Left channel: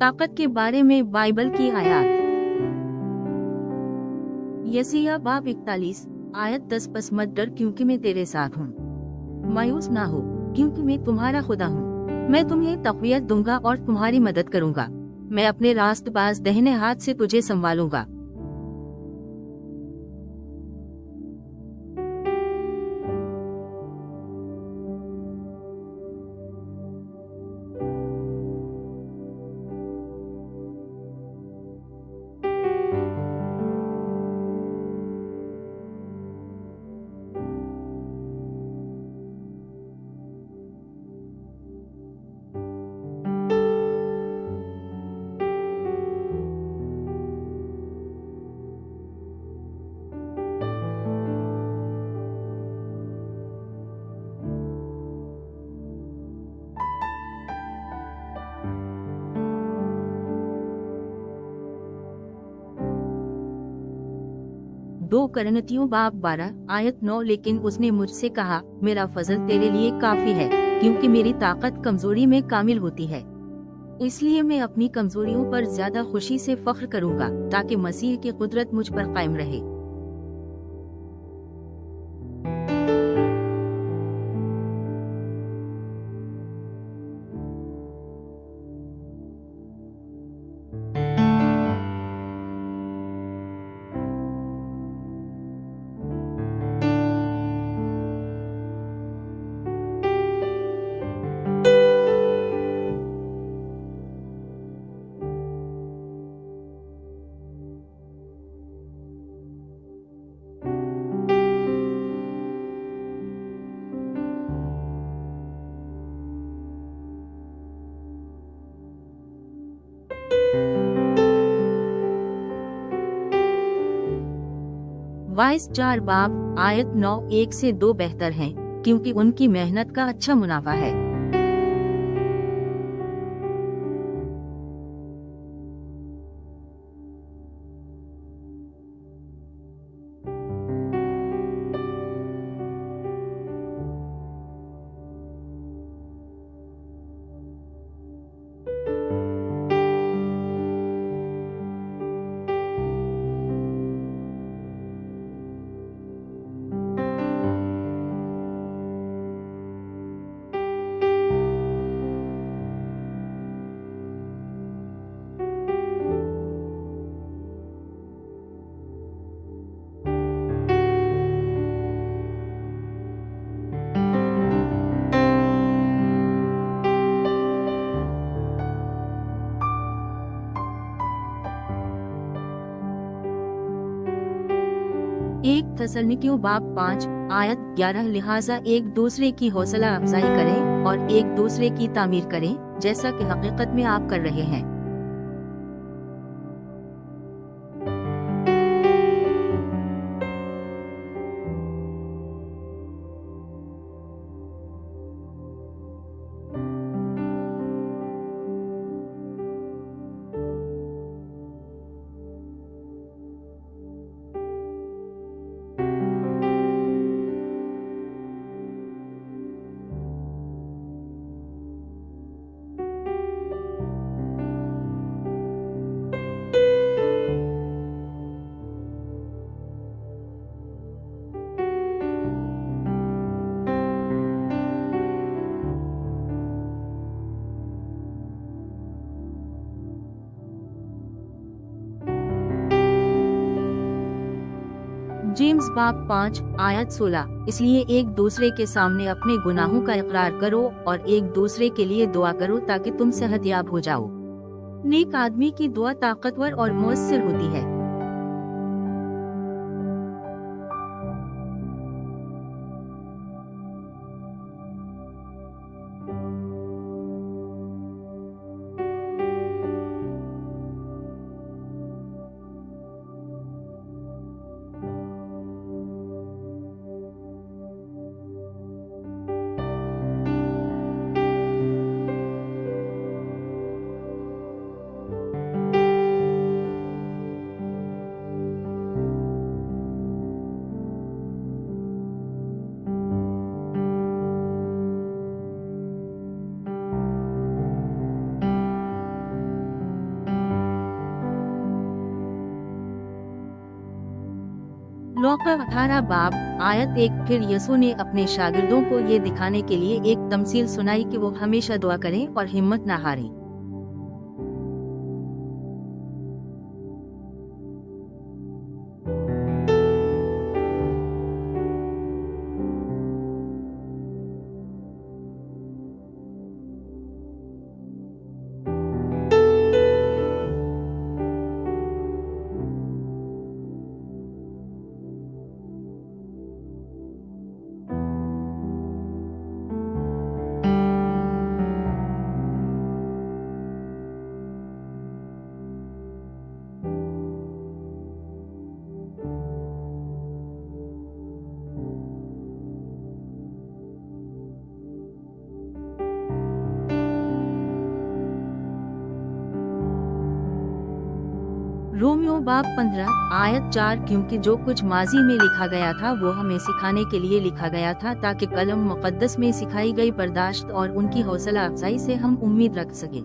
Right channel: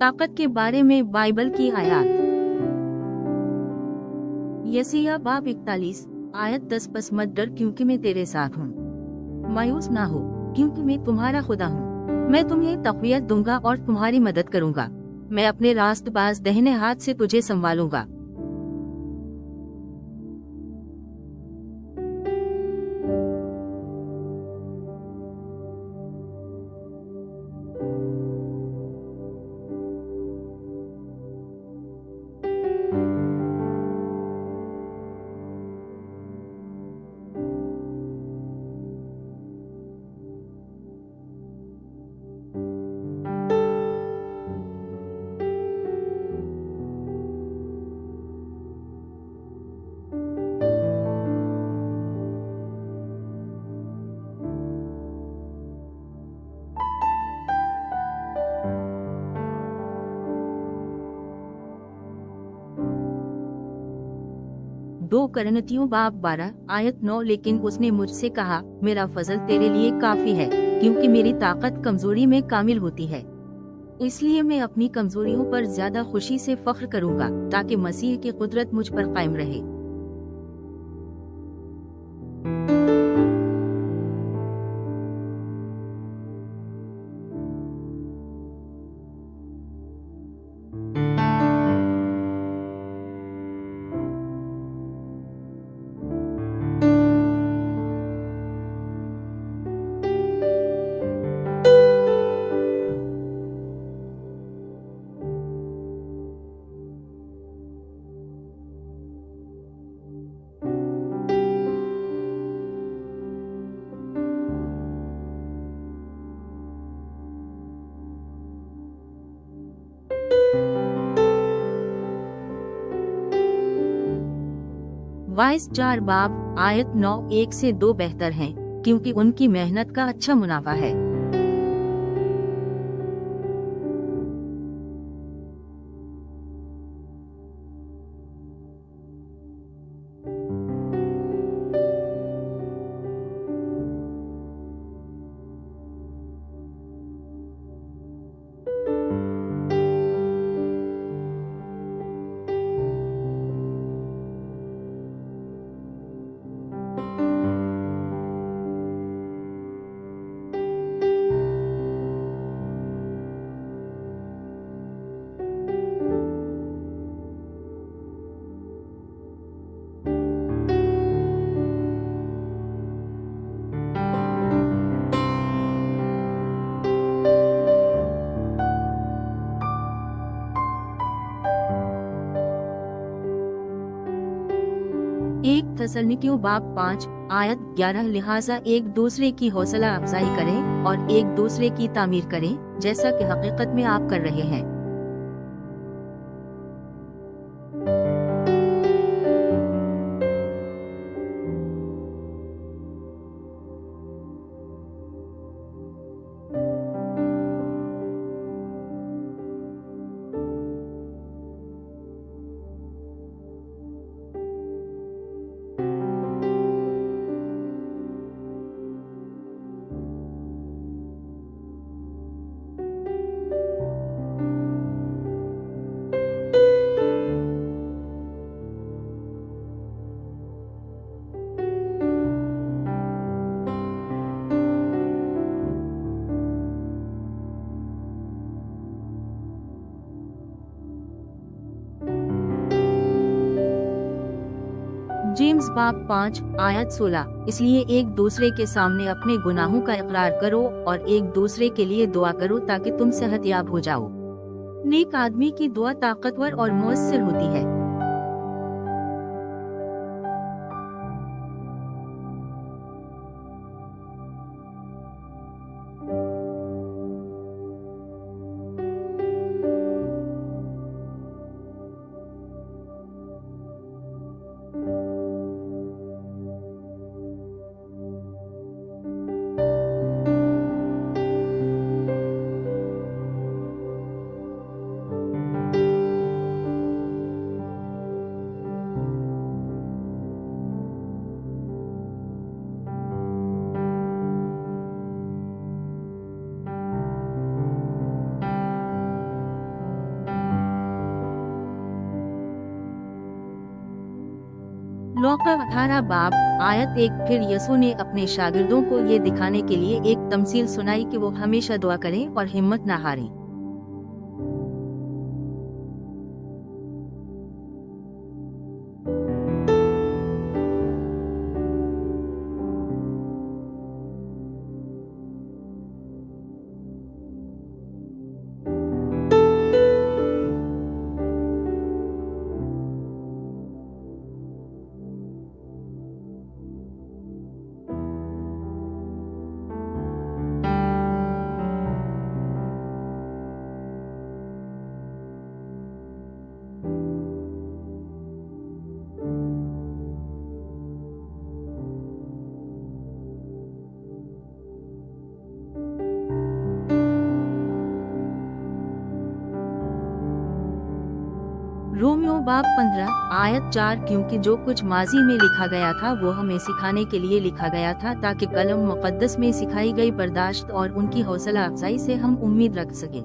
ताकत के बारे में बाइबल की आयत। यशायाह बाब 41 आयत 10 बस मत डर क्योंकि मैं तेरे साथ हूँ। मायूस ना हो क्योंकि मैं तुम्हारा खुदा हूँ। मैं तुम्हें तक़वियत दूंगा और तुम्हारी मदद करूंगा। मैं अपने रास्तबाज दाहिने हाथ से तुझे संभालूंगा। दो करन्तियों बाब 12 आयत 9 लेकिन उसने मुझसे कहा, मेरा फजल तेरे लिए काफी है, क्योंकि मेरी ताकत कमजोरी में कामिल होती है। इसलिए मैं अपनी कमजोरियों पर ज्यादा खुशी से फख्र करूंगा, ताकि मसीह की कुदरत मुझ पर कायम रहे। वाइस 4 बाब आयत 9 1 से 2 बेहतर हैं, क्योंकि उनकी मेहनत का अच्छा मुनाफा है। एक थस्सलुनीकियों बाब 5 आयत 11 लिहाजा एक दूसरे की हौसला अफजाई करें और एक दूसरे की तामीर करें, जैसा कि हकीकत में आप कर रहे हैं। जेम्स बाब 5 आयत 16 इसलिए एक दूसरे के सामने अपने गुनाहों का इकरार करो और एक दूसरे के लिए दुआ करो ताकि तुम सेहतयाब हो जाओ। नेक आदमी की दुआ ताकतवर और मुअस्सिर होती है। लौका 18 बाब आयत 1। फिर यसू ने अपने शागिर्दों को ये दिखाने के लिए एक तमसील सुनाई कि वो हमेशा दुआ करें और हिम्मत न हारें। रोमियो बाब 15 आयत 4। क्योंकि जो कुछ माजी में लिखा गया था वो हमें सिखाने के लिए लिखा गया था, ताकि कलम मुक़द्दस में सिखाई गई बर्दाश्त और उनकी हौसला अफजाई से हम उम्मीद रख सकें।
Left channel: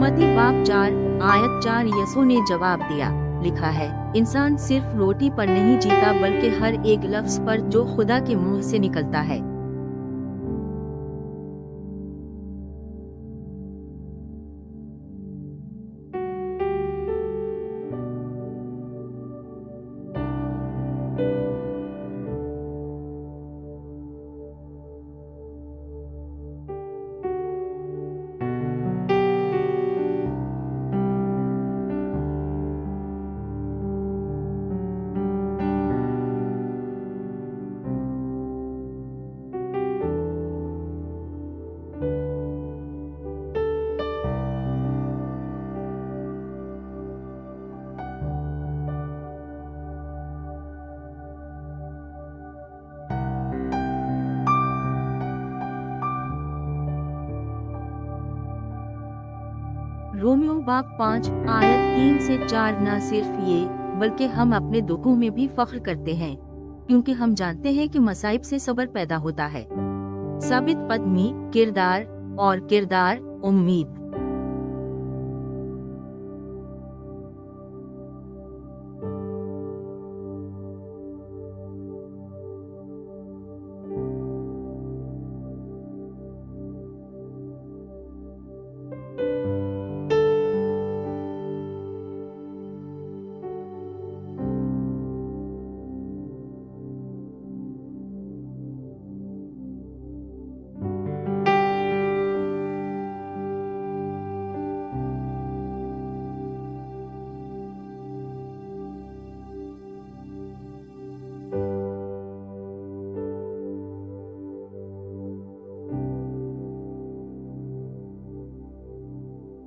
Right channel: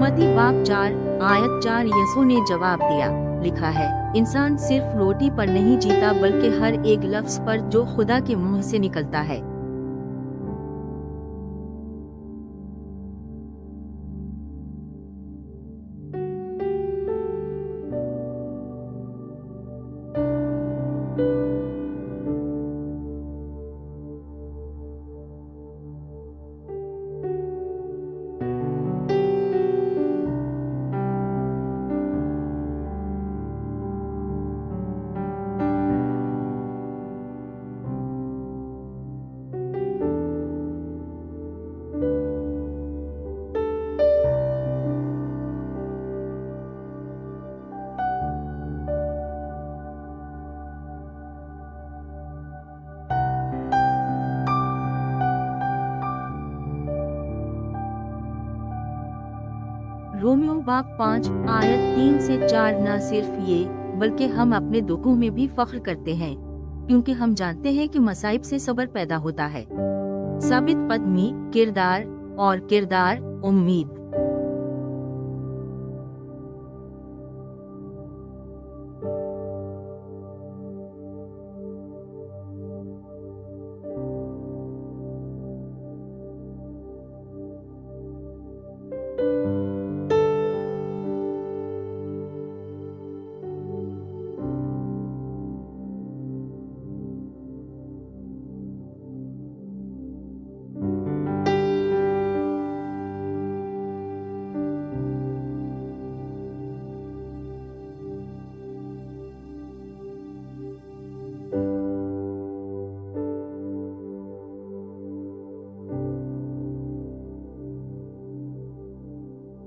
मत्ती बाब 4 आयत 4। यसू ने जवाब दिया, लिखा है, इंसान सिर्फ रोटी पर नहीं जीता बल्कि हर एक लफ्ज पर जो खुदा के मुंह से निकलता है। रोमियो बाब 5 आयत 3 से 4। न सिर्फ ये बल्कि हम अपने दुखों में भी फख्र करते हैं, क्योंकि हम जानते हैं कि मसाइब से सब्र पैदा होता है। साबित पदमी किरदार और किरदार उम्मीद।